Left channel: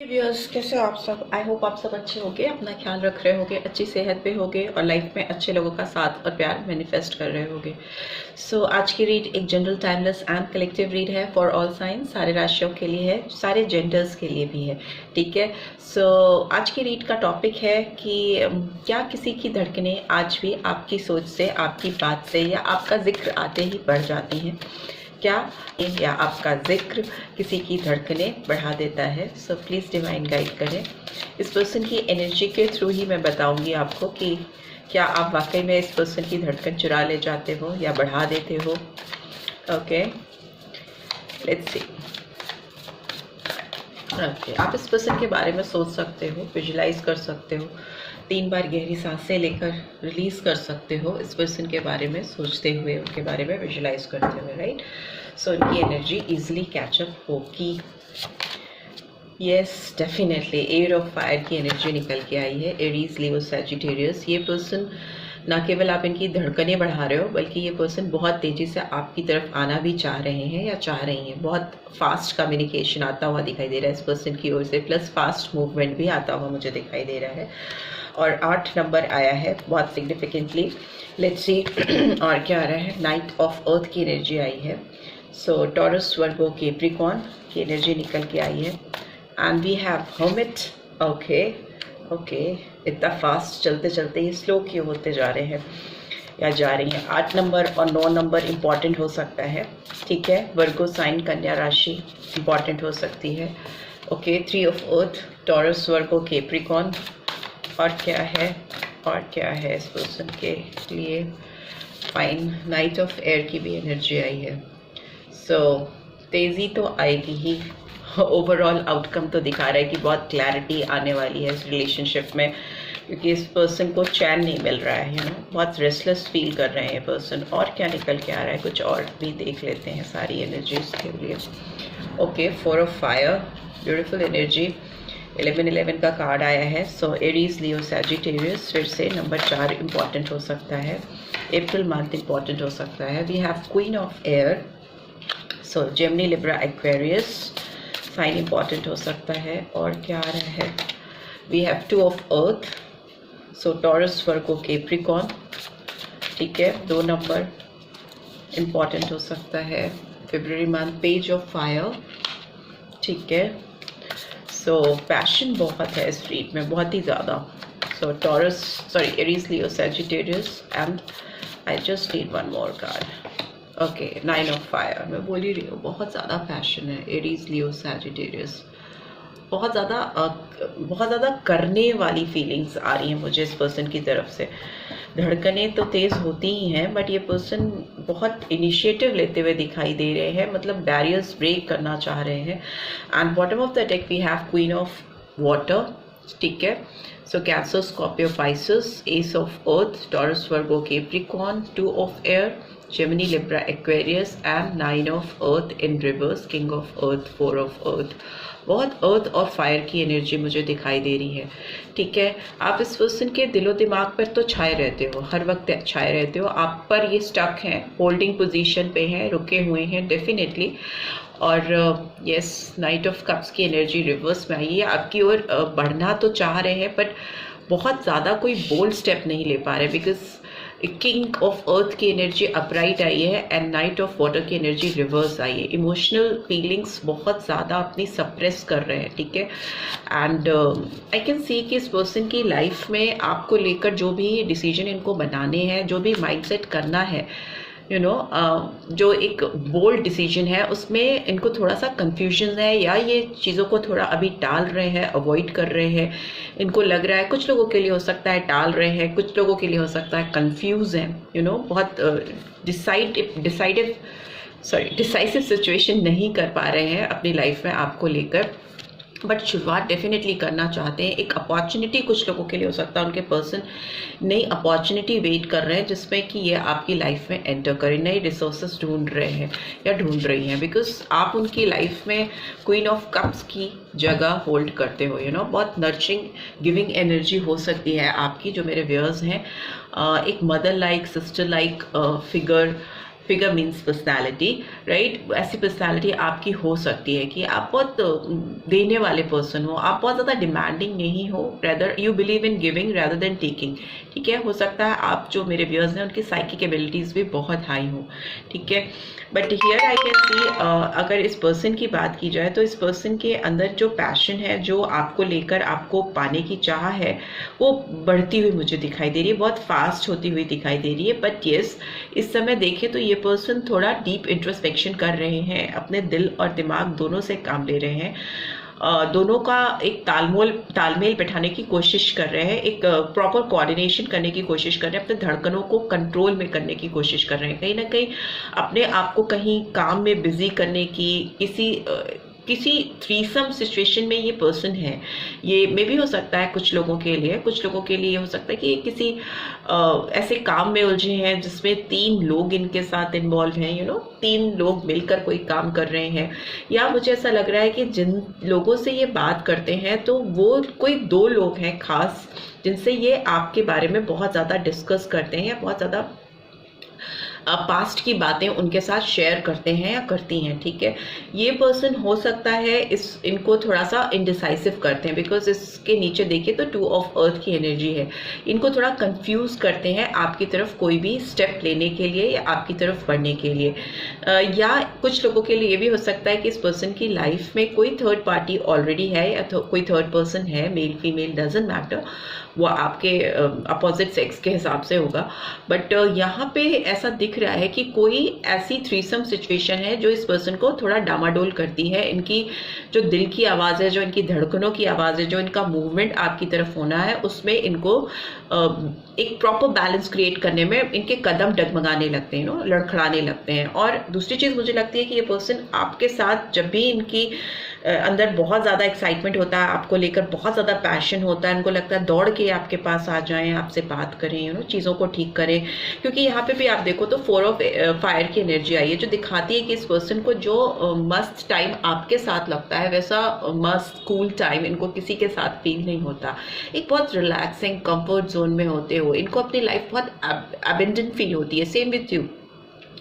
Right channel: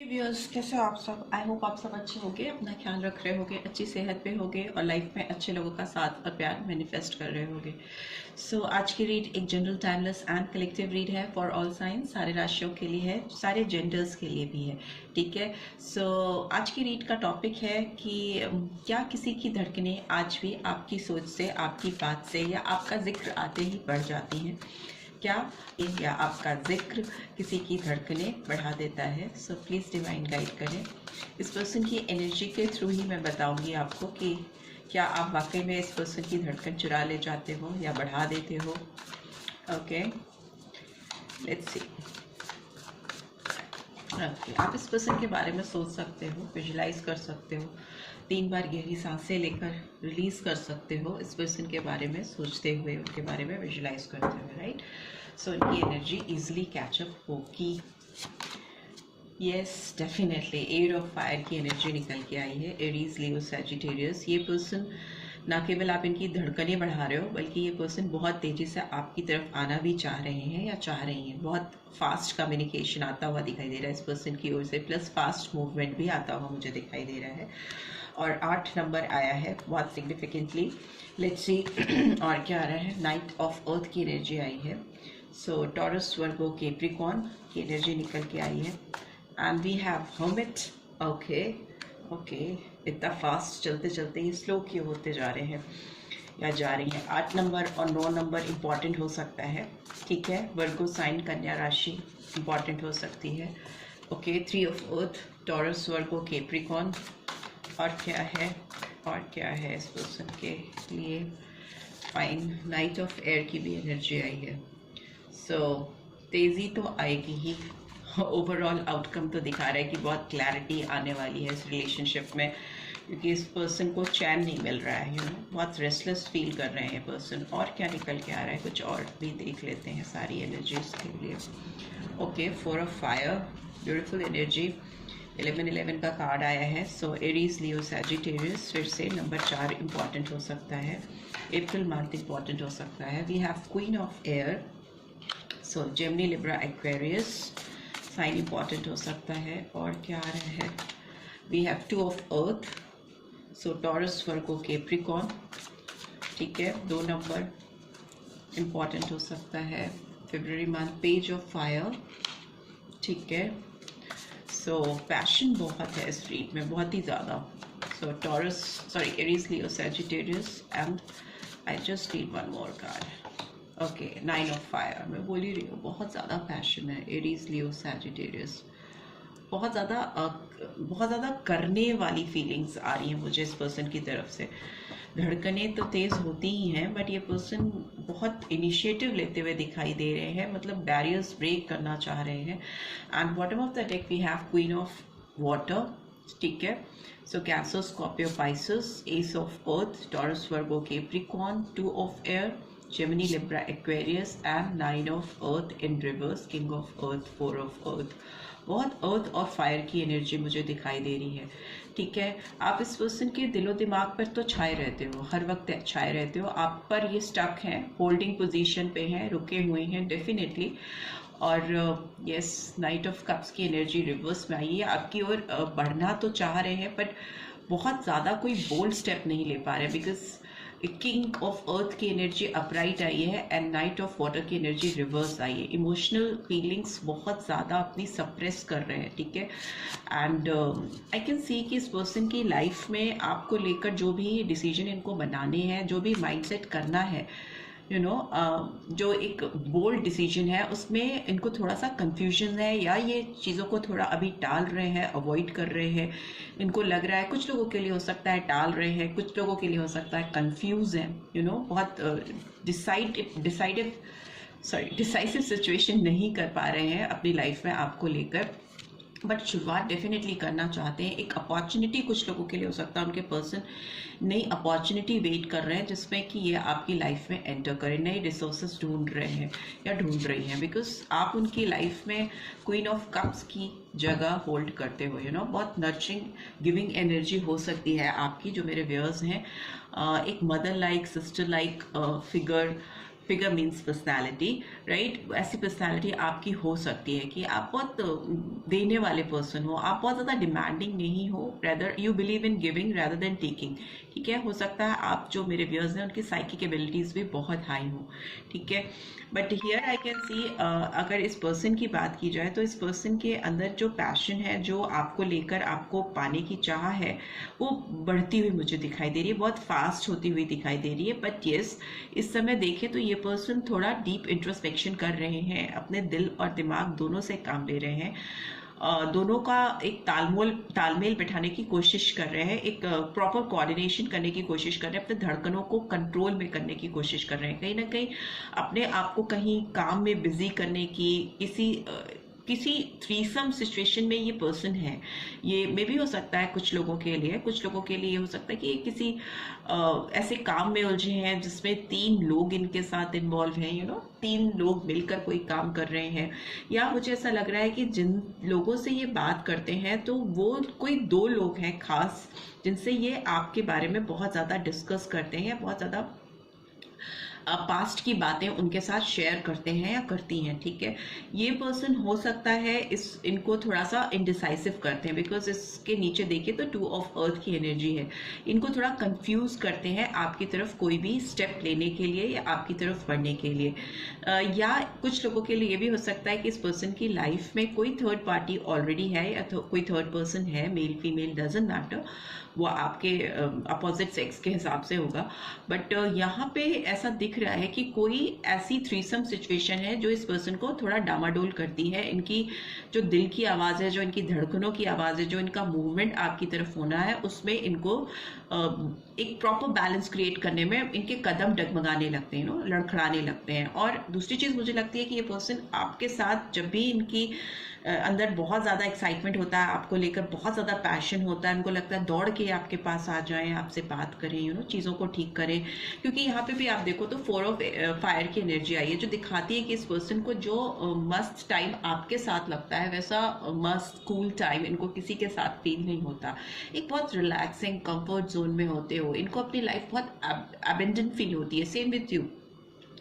Viewers, कैसे हो आप सब। आई होप आप सब अच्छे होंगे, अपना ख्याल रख रहे होंगे, अच्छी सेहत पे होंगे और लाइफ में अच्छे लोगों का साथ और प्यार मैनिफेस्ट कर रहे होंगे। सो आज की रीड एक general timeless and collective read है फॉर ऑल साइंस, सारे राशियों के लिए है, सारे जेंडर्स के लिए भी है। ठीक है। सो आज की रीड का टॉपिक है कि क्या किसी की धड़कनें आज भी आपकी सोच से, आपकी बात से या आपका जिक्र आते ही बढ़ जाती हैं। क्या या आपका जिक्र किसी की धड़कनें बढ़ा देता है। सो प्लीज़ डिवाइन गाइड करें। इस पर्सन की एनर्जी के थ्रू ही मैं बताऊंगी आपको कि क्या आप वाकई में इस पर्सन की धड़कन चुरा ले जाते हो या बढ़ा देते हो। Okay, let's see. ओके, आप इस पर्सन के बारे में सोच सकते हो, विजुलाइज कर सकते हो, 3 बार गहरी सांसें लेकर रिलीज कर सकते हो इस पर्सन के बारे में सोचते हुए, उनके बारे में विजुलाइज करते हुए, राइट। सो उनकी एनर्जी इजीली कैचअप होगी। Yes, definitely air of fire की एनर्जी निकल के आई है। Aries, Leo, Sagittarius. ये पर्सन ना केवल आप इनकी धड़कनें बढ़ा रहे हो, बल्कि ये पर्सन बहुत तेज़ी से आपकी तरफ आना भी चाह रहे हैं या चाह रही हैं। बहुत फास्ट कम्युनिकेशन आता हुआ दिखाई दे रहा है इस पर्सन की ओर से, प्लस फास्ट मूवमेंट भी आता हुआ मुझे दिखाई दे रहा है। और 8 नंबर आया है बहुत सिग्निफिकेंटली। लेट्स सी और क्या आ रहा है। नाइट ऑफ अर्थ की एनर्जी आई है। सो टॉरस, वर्गो, कैप्रिकॉर्न की एनर्जी निकल के आई है। And we have hermit. Okay okay, इतना फास्ट चलते चलते ही स्लो क्यों होते जा रहे हैं या जा रही हैं। 8 नंबर और 9 नंबर इम्पॉर्टेंट हो सकता है। ठीक है। वर्गो साइन, कन्या राशि इम्पॉर्टेंट हो सकती है। Okay, 3 of earth, Taurus, Virgo, Capricorn. और क्या है, और क्या है इस पर्सन के लिए। फाइन, नाइट ऑफ एयर की भी एनर्जी आई है। सो तेज़ी तो आएगी ही। ओवरऑल आउटकम तो दिखा रहा है कि बहुत क्लैरिटी आने वाली है इस रिलेशनशिप में, क्योंकि इस पर्सन को चैन नहीं मिल रहा है, बहुत रेस्टलेस फील कर रहे हैं ये पर्सन। और क्या निकल के आ रहा है, कुछ और भी देख लेते हैं सारी एनर्जीज के लिए। Okay, 4 of fire, beautiful energy. 11 का कार्ड आया है। सो एरीज, लियो, सैजिटेरियस। फिर से नंबर 4 इम्पॉर्टेंट हो सकता है। अप्रैल मंथ इम्पॉर्टेंट हो सकता है। We have queen of air. So Gemini, Libra, Aquarius sign important हो सकता है। और क्या आ रहा है। We have 2 of earth. So Taurus, Virgo, Capricorn. ठीक है, 2 नंबर इम्पॉर्टेंट हो सकता है। फरवरी मंथ, पेज ऑफ फायर। ठीक है। सो पैशन बहुत है इस रीड में, बहुत ही ज़्यादा। So Taurus, sorry, Aries, Leo, Sagittarius. And I just need one more card. Okay, 9 of fire. मैं बोल ही रही हूँ, बहुत ज़्यादा पैशन है। एरीज, लियो, सैजिटेरियस, बहुत ज़्यादा करने वाली फीलिंग्स आ रही हैं मुझे इस पर्सन की तरफ से। धड़कनें तो तेज़ होती ही हैं, बट ये पर्सन बहुत इनिशिएटिव लेते हुए दिखाई दे रहे हैं, मतलब बैरियर्स ब्रेक करना चाह रहे हैं। And bottom of the deck we have queen of water. ठीक है। So Cancer, Scorpio, Pisces, ace of earth, Taurus, Virgo, Capricorn, 2 of air, Gemini, Libra, Aquarius and 9 of earth in reverse, king of earth, 4 of earth. बहुत earth और fire की energy मुझे दिखाई दे रही है। ठीक है। आप इस पर्सन के दिलो दिमाग पर तो छाए रहते हो, हर वक्त छाए रहते हो, आप पर ये स्टक हैं, होल्डिंग पोजीशन पे हैं, रुके हुए हैं डेफिनेटली। और यस, नाइट ऑफ कप्स की एनर्जी रिवर्स में आई है। आपकी ओर बढ़ना तो चाह रहे हैं, बट बहुत ज़्यादा कोई बोल्ड स्टेप नहीं ले पा रहे, बिकॉज किंग ऑफ अर्थ की एनर्जी अपराइट आई है एंड नाइट ऑफ वाटर की एनर्जी रिवर्स आई है। इमोशनल फीलिंग्स बहुत ज़्यादा अपनी सप्रेस कर रहे हैं। ठीक है। एंड आई कैन सी कि इस पर्सन की लाइफ में आपको लेकर जो भी डिसीजन इनको बनाने हैं, जो भी माइंडसेट करना है, जो एक बोल्ड डिसीजन है, उसमें इनको थोड़ा सा कंफ्यूजन है, या ये चीज़ों को थोड़ा अभी टाल रहे हैं, अवॉइड कर रहे हैं। इनको लग रहा है, कुछ लोगों के लिए हो सकता है टाल रहे हैं, कुछ लोगों के लिए हो सकता है कंफ्यूज हैं, बहुत डिसाइसिव सिचुएशन नहीं कर पा रहे हैं अपनी लाइफ में आपको लेकर, बट शुरुआत डेफिनेटली करना चाहते हैं। एक अपॉर्चुनिटी कुछ लोगों के लिए हो सकता है, उनके पर्सन नई अपॉर्चुनिटी वेट कर रहे हैं जिसमें कि ये आपकी लाइफ में एंटर करें, नई रिसोर्सेज ढूंढ रहे हैं या ढूंढ रही हैं, बिकॉज आप उनकी लाइफ में क्वीन ऑफ कप्स की जगह होल्ड करते हो। बहुत नर्चरिंग, गिविंग एनर्जी हो सकती है आपकी, जो मेरे व्यूअर्स हैं। एक mother like, sister like figure figure means personality, right. ऐसी पर्सनैलिटी आपकी हो सकती है कि आप बहुत देने वाले पर्सन हो, आप बहुत ज़्यादा डिमांडिंग नहीं हो, rather you believe in giving rather than taking, ठीक है। हो सकता है आप जो मेरे व्यूअर्स हैं उनकी साइकिक एबिलिटीज़ भी बहुत हाई हो, ठीक है। बट हियर आई कैन सी, अगर इस पर्सन की बात की जाए तो इस पर्सन के अंदर जो पैशन है, जो आपको लेकर आपको पाने की चाह है, वो बढ़ती हुई मुझे दिखाई दे रही है, बहुत फास्ट होती हुई दिखाई दे रही है। बट येस, इस समय देखें तो ये पर्सन थोड़ा डीप इंट्रोस्पेक्शन कर रहे हैं, अपने दिल और दिमाग दोनों से काम ले रहे हैं, दोनों का एक तालमेल बैठाने की कोशिश कर रहे हैं, एक प्रॉपर कोऑर्डिनेशन करने की कोशिश कर रहे हैं, अपने धड़कनों को कंट्रोल में करने की कोशिश कर रहे हैं, कहीं ना कहीं अपने आप को कहीं काम में बिजी करने की, किसी थ्रीसम सिचुएशन में ये पर्सन है। ये मे भी हो सकता है कुछ लोगों के लिए, कुछ लोगों के लिए हो सकता है कि किसी ऐसे काम में उलझे हैं जिसमें 3 लोग इनके साथ इन्वॉल्व हैं, 3 लोग मिलकर कोई काम कर रहे हैं। या मुझे ऐसा लग रहा है कि जिन लोगों से ये बात करते हैं तो वो कोई 2 लोग हैं खास, जिनसे ये आपके बारे में बहुत ज़्यादा डिस्कस करते हैं या बहुत ज़्यादा पास्ट की बातें उनके साथ शेयर करते हैं या करती हैं, ठीक है। ये पर्सन हो सकता है इनको थोड़ा सा इनडिसाइसिव करते हैं, बिकॉज इसके नीचे देखिए तो 2 ऑफ अर्थ की एनर्जी है। इनको थोड़ा कंफ्यूज करते हैं आपकी तरफ कोई भी स्टेप लेने के लिए या आपकी तरफ बढ़ने के लिए। या कुछ लोगों के लिए ये भी हो सकता है कि इस पर्सन की लाइफ में कोई थर्ड पार्टी ऑलरेडी है या कोई थर्ड पर्सन है, मेल फीमेल डजंट मैटर, वो आपके अपोजिट सेक्स के हिसाब से होगा। बट यहाँ पे ऐसा दिख रहा है कि कोई ऐसी थ्रीसम सिचुएशन है जो इस पर्सन को थोड़ा डामाडोल करती है। इनकी जो दिल की आवाज़ है, जो इनकी धड़कनों की आवाज़ है, जो इनका मूवमेंट आपकी तरफ होना है, उसमें इनको एक प्रॉपर बैलेंस क्रिएट करने में इनके कदम डगमगाने लगते हैं, लड़खड़ाने लगते हैं। और दूसरी चीज़ मुझे लगती है कि ये पर्सन आपके साथ जब भी इनकी अंदर बहुत ज़्यादा एक्साइटमेंट होता है, आपको लेकर बहुत ज़्यादा पैशन होता है, इनको लगता है दौड़ के आपके पास आ जाएं, आपसे बात करें, चीज़ों को ठीक करें। क्योंकि यहाँ पे भी आप देखो तो 4 ऑफ फायर की एनर्जी आई है, जो दिखाती है कि इस पर्सन को जो मस्त टाइम आपके साथ लगता है वैसा मस्त कूल टाइम इनको किसी के साथ फील नहीं होता। एक बहुत रिलैक्सिंग कंफर्ट जोन में होते हो इनको अपनी लाइफ बहुत अबेंडेंट फील होती है। सेम विथ यू,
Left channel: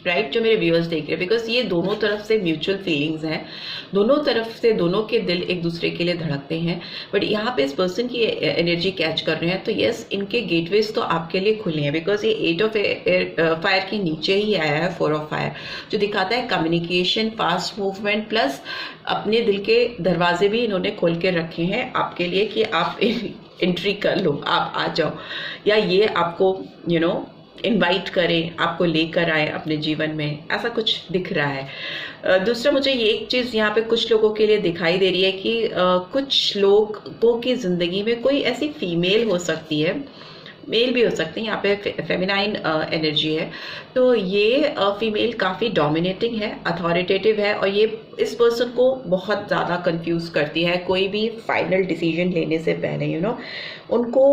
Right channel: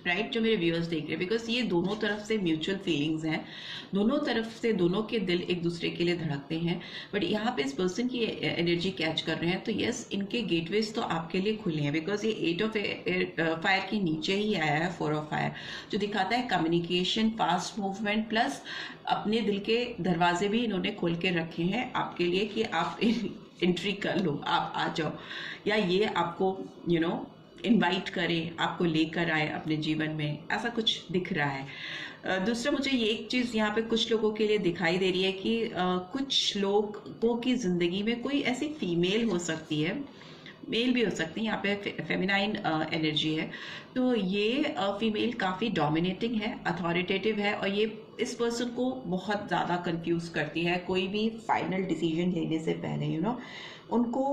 राइट, जो मेरे व्यूअर्स देख रहे हैं, बिकॉज ये दोनों तरफ से म्यूचुअल फीलिंग्स हैं, दोनों तरफ से दोनों के दिल एक दूसरे के लिए धड़कते हैं। बट यहाँ पे इस पर्सन की एनर्जी कैच कर रहे हैं तो यस, इनके गेटवेज तो आपके लिए खुले हैं, बिकॉज ये 8 ऑफ फायर के नीचे ही आया है 4 ऑफ फायर, जो दिखाता है कम्युनिकेशन, फास्ट मूवमेंट, प्लस अपने दिल के दरवाजे भी इन्होंने खोल के रखे हैं आपके लिए कि आप एंट्री कर लो, आप आ जाओ, या ये आपको इनवाइट करें, आपको लेकर आए अपने जीवन में, ऐसा कुछ दिख रहा है। दूसरा मुझे ये एक चीज़ यहाँ पे कुछ लोगों के लिए दिखाई दे रही है कि कुछ लोगों की ज़िंदगी में कोई ऐसी फीमेल हो सकती है, मेल भी हो सकते हैं, यहाँ पे फेमिनाइन एनर्जी है, तो ये फीमेल काफ़ी डोमिनेटिंग है, अथॉरिटेटिव है, और ये इस पर्सन को बहुत ज़्यादा कंफ्यूज करती है कोई भी फाइनल डिसीजन लेने से पहले। उनको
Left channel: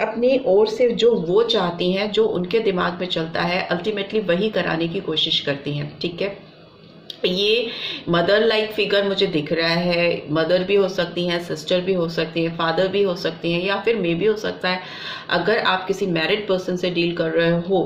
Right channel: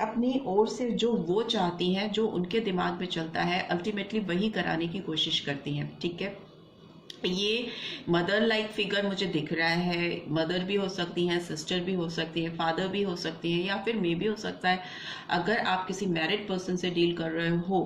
अपनी ओर से जो वो चाहती हैं, जो उनके दिमाग में चलता है, अल्टीमेटली वही कराने की कोशिश करती हैं, ठीक है। ये मदर लाइक फिगर मुझे दिख रहा है, मदर भी हो सकती हैं, सिस्टर भी हो सकती है, फादर भी हो सकती हैं, या फिर मे भी हो सकता है अगर आप किसी मैरिड पर्सन से डील कर रहे हो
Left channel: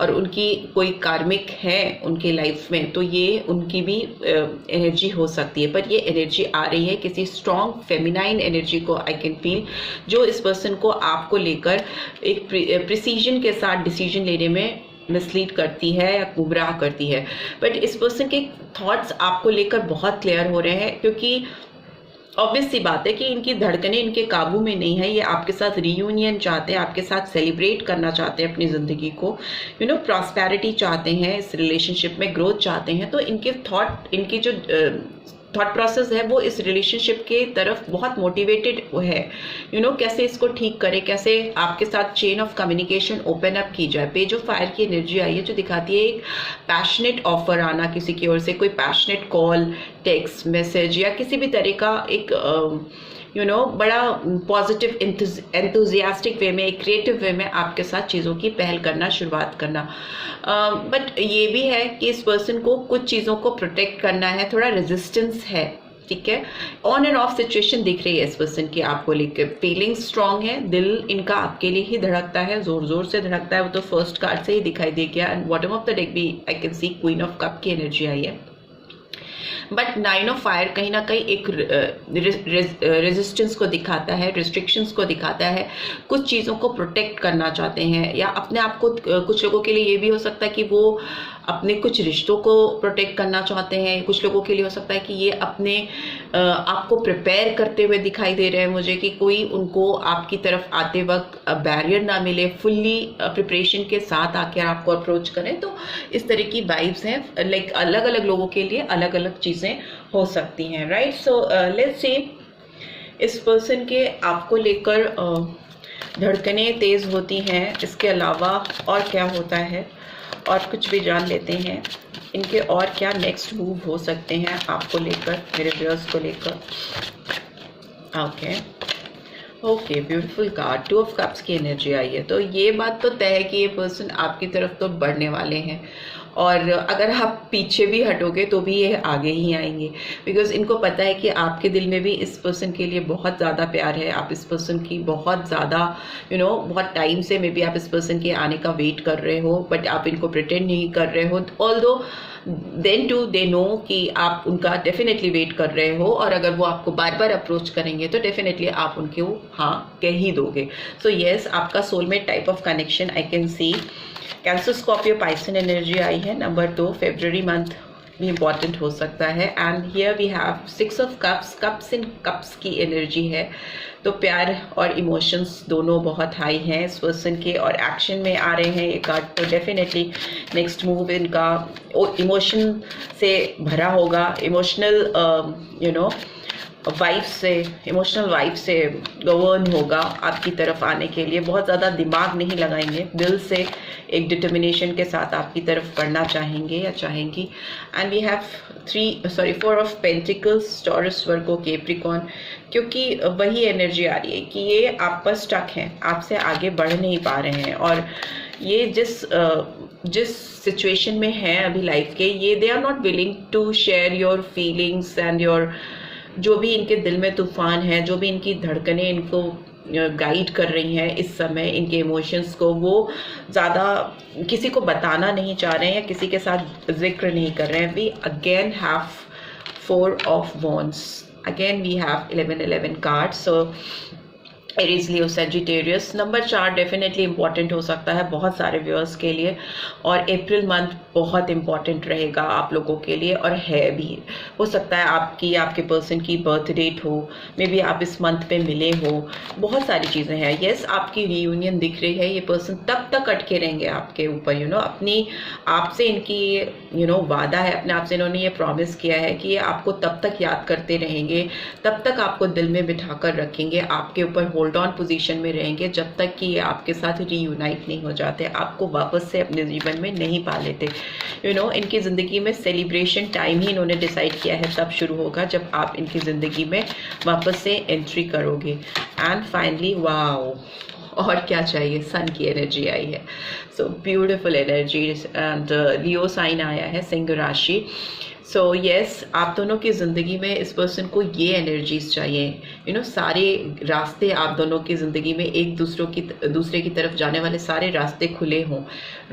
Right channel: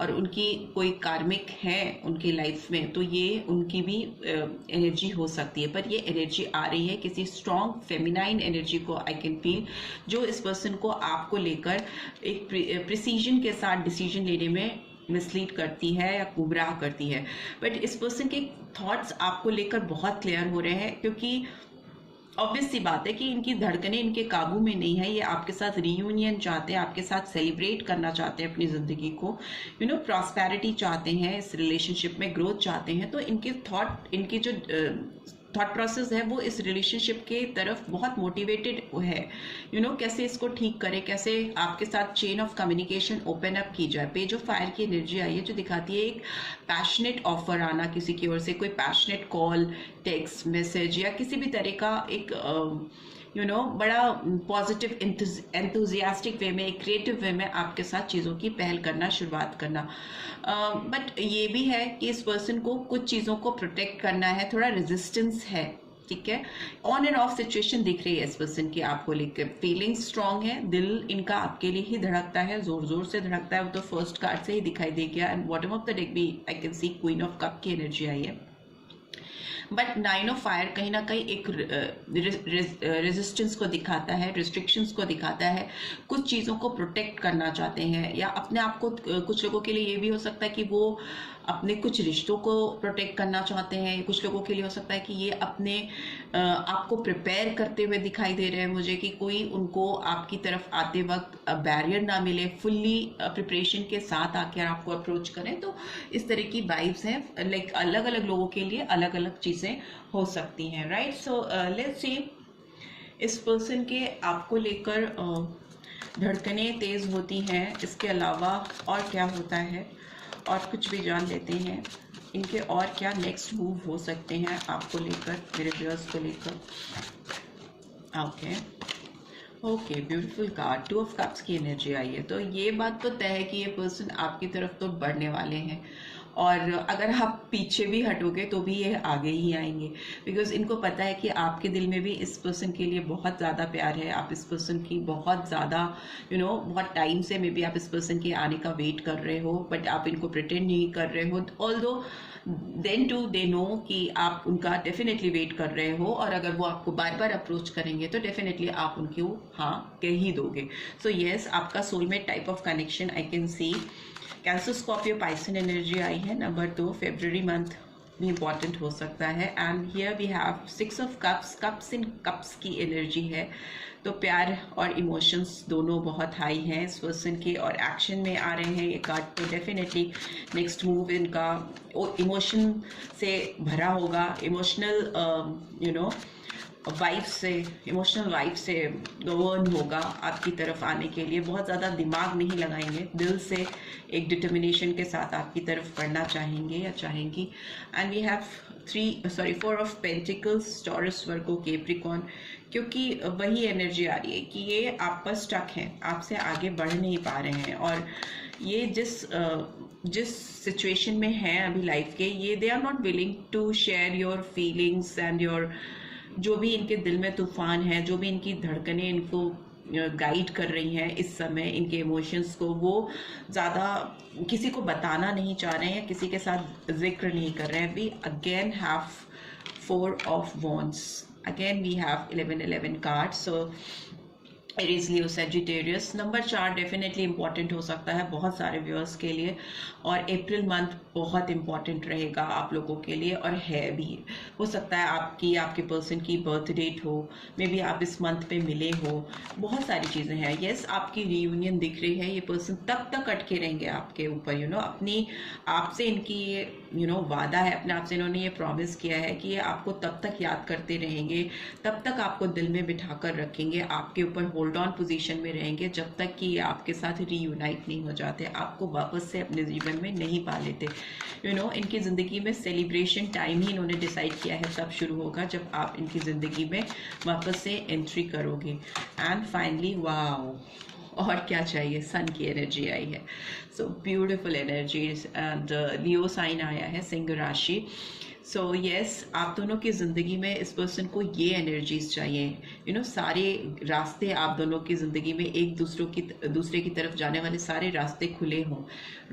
और उनकी कोई कार्मिक है उनकी लाइफ में, तो ये उनकी भी एनर्जी हो सकती है। पर ये एनर्जी आ रही है किसी स्ट्रॉन्ग फेमिनाइन एनर्जी को आई कैन फील, जो इस पर्सन को आपको लेकर एक प्रिसीजन के साथ डिसीजन लेने में मिसलीड करती है या गुमराह करती है। बट इस पर्सन के थॉट्स आपको लेकर बहुत क्लियर हो रहे हैं, क्योंकि ऑब्वियस सी बात है कि इनकी धड़कनें इनके काबू में नहीं है। ये आपके साथ रीयूनियन चाहते हैं, आपके साथ सेलिब्रेट करना चाहते हैं अपनी ज़िंदगी को, प्रॉस्पेरिटी चाहते हैं, इस रिलेशनशिप में ग्रोथ चाहते हैं। तो इनके इनकी जो थॉट प्रोसेस है वो इस रिलेशनशिप के तरफ बहुत मोटिवेटेड है। कैसे इसको ठीक करें, कैसे आपके साथ chain of communication open up की जाए। पेज ऑफ फायर की एनर्जी आई है, जो दिखाती है एक पैशनेट ऑफर आना किसी की ओर से, कोई पैशनेट कॉल, टेक्स्ट मैसेज, या किसी भी तरह का एक बड़ा पॉजिटिव एंथुजियास्टिक वे में, एक क्रिएटिव वे में आपके साथ चीज़ों की पहल करना, शुरुआत करना। बट ये भी है कि इस पर्सन को कुछ चीज़ों को प्रोटेक्ट करना है, थोड़ा रेजिस्टेंस है ठीक है। ऑन एंड ऑफ सिचुएशन दिख रही है इस पर्सन की आपको लेकर, फीलिंग स्ट्रांग है, दिल इनका आपके लिए ही धड़कता है, जोर जोर से धड़कता है, वो तो फर्स्ट कार्ड से ही दिखाई दे गया। And bottom of the deck भी I can see queen of cup की एनर्जी आई है। बट 9 ऑफ फायर कहीं ना कहीं एक रेजिस्टेंस को दिखाता है, रिस्ट्रिक्शंस को दिखाता है, कुछ चीज़ों को प्रोटेक्ट करना चाहते हैं, या अपने आप को, कुछ लोगों के लिए ये भी हो सकता है कि वो अपने कुछ रिश्तों को प्रोटेक्ट करना चाहते हैं, कुछ लोगों के लिए हो सकता है कि ये अपने आप को प्रिपेयर करते हुए दिखाई दे रहे हैं मुझे, कि कोई उनको आपकी तरफ आते वक्त बैरियर ना मिले, फुल्ली प्रिपरेशन के साथ आकर आपको अप्रोच करें। तो इस तरह की वाइब्स हैं, लाइक अलग अलग लोगों के लिए अलग अलग चीज़ें हो सकती हैं, राइट। सो लेट्स सी इस पर्सन के आपको लेकर धड़कनें तेज़ होती हैं, इसके अलावा और क्या होता है और कुछ भी जान लेते हैं इनके, और क्या नेक्स्ट मूव हो सकते हैं आपको लेकर, मेरे व्यूअर्स को लेकर। Okay beautiful card, 2 of cups की एनर्जी आई है। तो ये बात तो तय है कि ये पर्सन आपकी तरफ तो बढ़ने वाले हैं, और अगर आप पीछे भी हटोगे तो भी ये आगे ही आएंगे, बिकॉज इनको पता है कि आपके दिल में भी इस पर्सन के लिए बहुत ज़्यादा प्यार है, आप इस पर्सन की बहुत ज़्यादा बहुत टाइम से मे बी आप इस पर्सन के आने का वेट कर रहे हो, बट आप इनको प्रिटेंड नहीं कर रहे हो, although then too they know कि आप उनका डेफिनेटली वेट कर रहे हो, और अगर वो आपको बार बार अप्रोच करेंगे तो डेफिनेटली आप उनको हाँ कह ही दोगे। सो येस, आपका soulmate type of connection I can see. Cancer, Scorpio, Pisces energy आई है। नंबर 2, फेब्रुअरी मंथ भी इम्पॉर्टेंट हो सकता है। And here we have 6 of cups, cups in cups की एनर्जी है। तो प्यार और इमोशंस दोनों बहुत हाई हैं इस पर्सन के, और एक्शन में आ रहे हैं ये कार्ड, तो डेफिनेटली नेक्स्ट मूव इनका इमोशन से भरा होगा, इमोशनल इमोशनल वाइब से गवर्न होगा आपकी तरफ आने के लिए। बहुत ज़्यादा दिमाग नहीं लगाएंगे, दिल से एक डिटर्मिनेशन के साथ आपकी तरफ पढ़ना चाहेंगे या चाहेंगी। And we have 4 of pentacles, Taurus, Virgo, Capricorn, क्योंकि वही एनर्जी आ रही है कि ये आप पर स्टक हैं, आपसे आगे बढ़ नहीं पा रहे हैं, और ये जिस सिचुएशन में हैं अभी लाइफ के, ये they are not willing to share your feelings and your, जो भी इनके दिल में तूफान है, जो भी इनकी धड़कनें इनको गाइड कर रही हैं इस समय, इनके इमोशंस को वो ज़्यादा किसी को बताना नहीं चाह रहे हैं, किसी के साथ जिक्र नहीं कर रहे हैं। We again have 4 of wands, again we have 11 cards. So Aries, Leo, Sagittarius. Number 4 definitely important हो सकता है बहुत सारे व्यूअर्स के लिए, और अप्रैल मंथ बहुत इंपॉर्टेंट रहेगा आप लोगों के लिए, और है भी। हो सकता है आपके पर्सन की बर्थ डेट हो, मे बी आप इस मंथ पे मिले हो, बहुत सारी चीज़ें हैं। येस, आपकी रीयूनियन दिख रही है, ये पर्सन तब तक अटके रहेंगे आपके ऊपर, अपनी आपसे इनकी वादा है, अपने आप से इन्होंने ये प्रॉमिस किया है कि ये आपको तब तक याद करते रहेंगे, तब तक आपको दिल में बिठा कर रखेंगे, आपके ऊपर होल्ड ऑन पोजीशन में रहेंगे, जब तक कि ये आपके साथ रीयूनाइट नहीं हो जाते, आपको वापस से अपने जीवन में नहीं पा लेते। इनकी ज़िंदगी में सेलिब्रेशन टाइम ही इन्होंने डिसाइड किया है, तब शुरू होगा जब आप इनकी ज़िंदगी में वापस से एंट्री करोगे। एंड फाइनली वाओ, और क्या चाहिए, सन की एनर्जी आई है। So beautiful energies, and Leo sign आया है, सिंह राशि। सो येस, आप दोनों की ज़िंदगी में इस पर्सन को ये एनर्जीज चाहिए, सारे रास्ते आप दोनों की ज़िंदगी में एक दूसरे की तरफ जाने वाले सारे रास्ते खुले हों,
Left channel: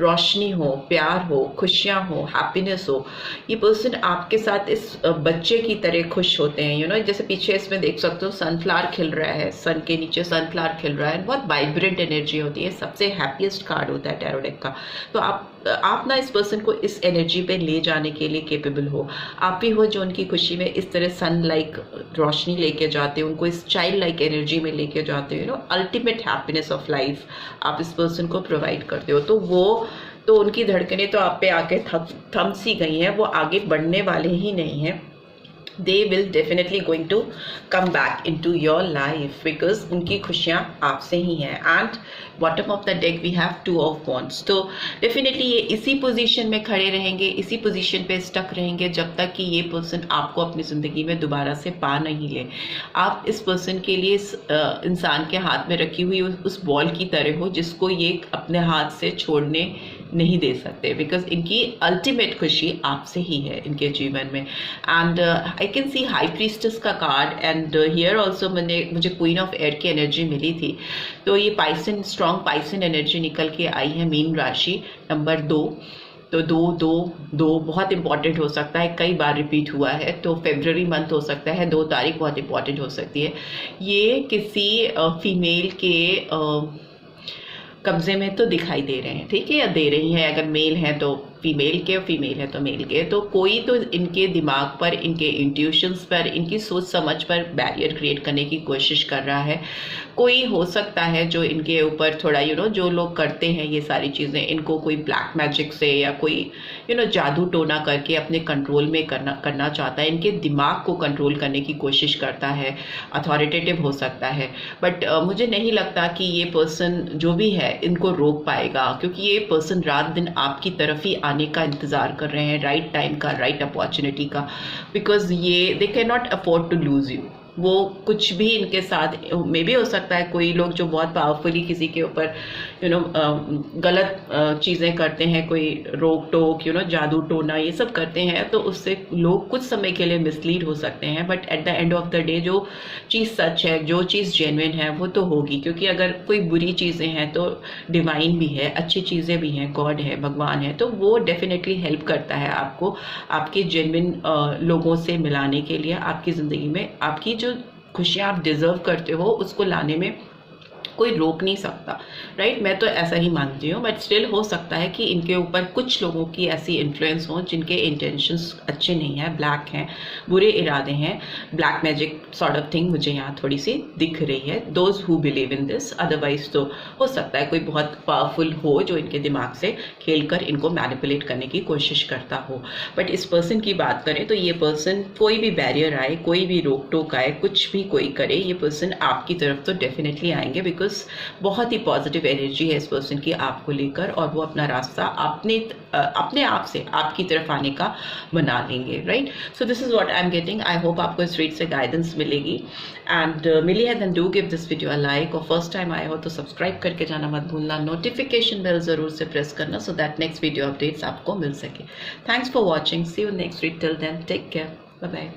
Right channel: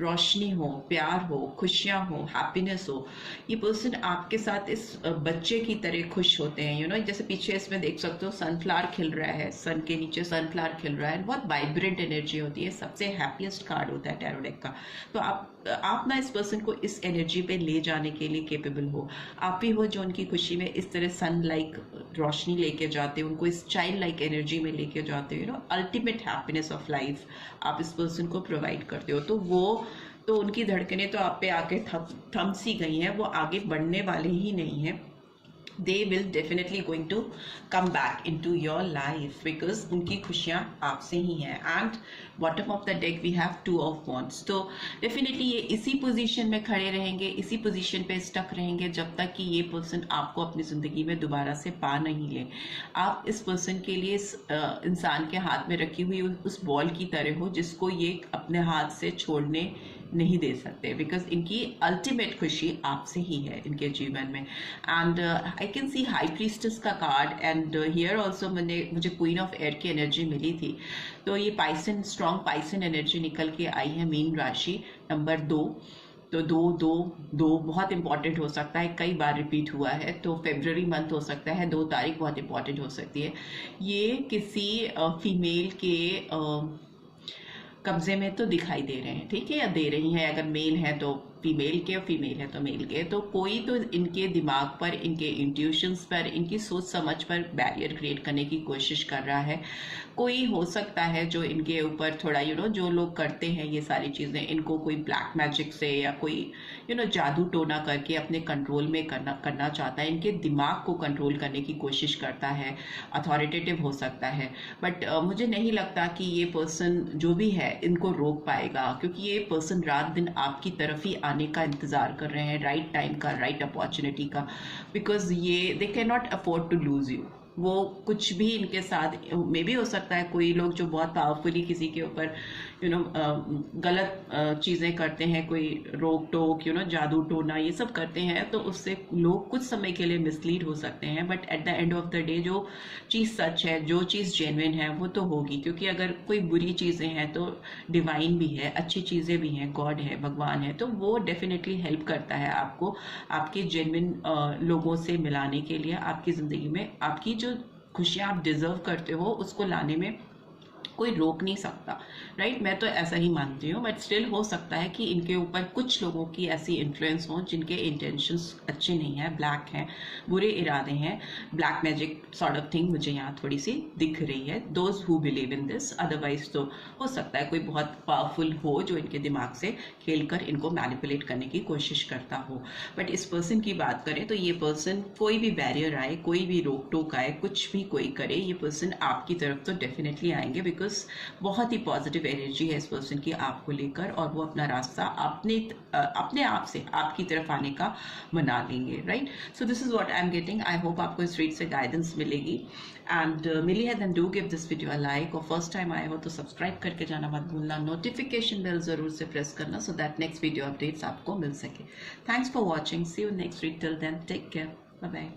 रोशनी हो, प्यार हो, खुशियाँ हो, हैप्पीनेस हो। ये पर्सन आपके साथ इस बच्चे की तरह खुश होते हैं, जैसे पीछे इसमें देख सकते हो सनफ्लावर खिल रहा है, सन के नीचे सनफ्लावर खिल रहा है, बहुत वाइब्रेंट एनर्जी होती है, सबसे हैप्पीएस्ट कार्ड होता है टैरो डेक का। तो आप ना इस पर्सन को इस एनर्जी पे ले जाने के लिए केपेबल हो, आप ही हो जो उनकी खुशी में इस तरह सन लाइक रोशनी लेके जाते हो, उनको इस चाइल्ड लाइक एनर्जी में लेके जाते हो, अल्टीमेट हैप्पीनेस ऑफ लाइफ आप इस पर्सन को प्रोवाइड करते हो। तो उनकी धड़कनें तो आप पे आके थम सी गई हैं, वो आगे बढ़ने वाले ही नहीं हैं। they will definitely going to come back into your life because उनकी खुशियाँ आपसे ही हैं। and bottom of the deck we have 2 of wands, तो definitely ये इसी पोजीशन में खड़े रहेंगे, इसी पोजीशन पे स्टक रहेंगे जब तक कि ये पर्सन आपको अपनी ज़िंदगी में दोबारा से पा नहीं ले। आप इस पर्सन के लिए इस इंसान के हाथ में रखी हुई उस बॉल की तरह हो जिसको ये अपने हाथ से छोड़ने नहीं दे सकते, बिकॉज इनकी अल्टीमेट खुशी आपसे ही है इनके जीवन में। And I can C high priestess का कार्ड एंड हियर ऑल्सो मुझे क्वीन ऑफ एयर की एनर्जी मिली थी। तो ये पाइसन, स्ट्रॉन्ग पाइसन एनर्जी निकल के आई है मीन राशि नंबर 2। तो 2 बहुत इंपॉर्टेंट हो सकता है, कई बार रिपीट हुआ है। तो फेब्रुअरी मंथ हो सकता है, 2 तारीख बहुत इंपॉर्टेंट हो सकती है। ये किसी फीमेल के कब्जे में तो दिखाई दे रहे हैं, ठीक है, या दे रही हैं। अगर मेल है तो फीमेल के, फीमेल है तो मेल के। तो कोई तो इनके दिमाग पर, इनके इंट्यूशंस पर, इनकी सोच समझ पर बैरियर क्रिएट करने की कोशिश कर रहा है। कोई हो सकता है जो इनके ऊपर थोड़ा जो लोग करते हैं ये सारी चीज़ें, इनको कोई ब्लैक मैजिक से या कोई जादू टोना करके अपने कंट्रोल में करना चाहता है। इनके दिमाग को कंट्रोल करने की कोशिश करता है, अथॉरिटेटिव हो सकता है। बट मुझे नहीं लगता कि ये पर्सन जो भी है इनको रोक पाएगा, क्योंकि ये पर्सन रात दिन आपकी तरफ ही आने का इंतज़ार कर रहे हैं, राइट टाइम का, राइट अपॉर्चुनिटी का। बिकॉज ये they can not afford to lose you. वो कुछ भी इनके साथ मे भी हो सकता है, कोई लोग जो बहुत पावरफुली किसी के ऊपर गलत चीज़ें करते हैं, कोई रोक टोक जादू टोना ये सब करते हैं, तो उससे लोग कुछ समय के लिए मिसलीड हो सकते हैं। But at the end of the day जो चीज़ सच है, जो चीज़ जेन्युइन है वो तो होगी। क्योंकि अगर कोई बुरी चीज़ें हैं तो डिवाइन भी है, अच्छी चीज़ें भी हैं, गॉड है, भगवान है, तो वो डेफिनेटली हेल्प करता है आपको आपके जेन्युइन लोगों से मिलाने के लिए। आपकी ज़िंदगी में आपकी जो खुशियाँ आप डिज़र्व करते हो उसको लाने में कोई रोक नहीं सकता, राइट। मैं तो ऐसा ही मानती हूँ। बट स्टिल हो सकता है कि इनके ऊपर कुछ लोगों की ऐसी इन्फ्लुएंस हो जिनके इंटेंशंस अच्छे नहीं हैं, ब्लैक हैं, बुरे इरादे हैं, black magic sort of thing मुझे यहाँ थोड़ी सी दिख रही है। Those who believe in this, otherwise तो हो सकता है कोई बहुत पावरफुल हो जो इनके दिमाग से खेलकर इनको मैनिपुलेट करने की कोशिश करता हो। बट इस पर्सन की बात करें तो ये पर्सन, कोई भी बैरियर आए, कोई भी रोक टोक आए, कुछ भी कोई करे, ये पर्सन आपकी तरफ तो डेफिनेटली आएंगे। बिकॉज बहुत ही पॉजिटिव एनर्जी है इस पर्सन की आपको लेकर, और वो अपना रास्ता अपने आप से आपकी तरफ आने का बना लेंगे, right. So this is what I am getting. I hope आपको इस रीड से गाइडेंस मिलेगी, एंड मिली है then do give this video a like, और फर्स्ट टाइम आए हो तो सब्सक्राइब करके जाना मत भूलना, नोटिफिकेशन बेल जरूर से प्रेस करना so that next video updates आपको मिल सके। Thanks for watching, see you next read, till then take care, bye bye.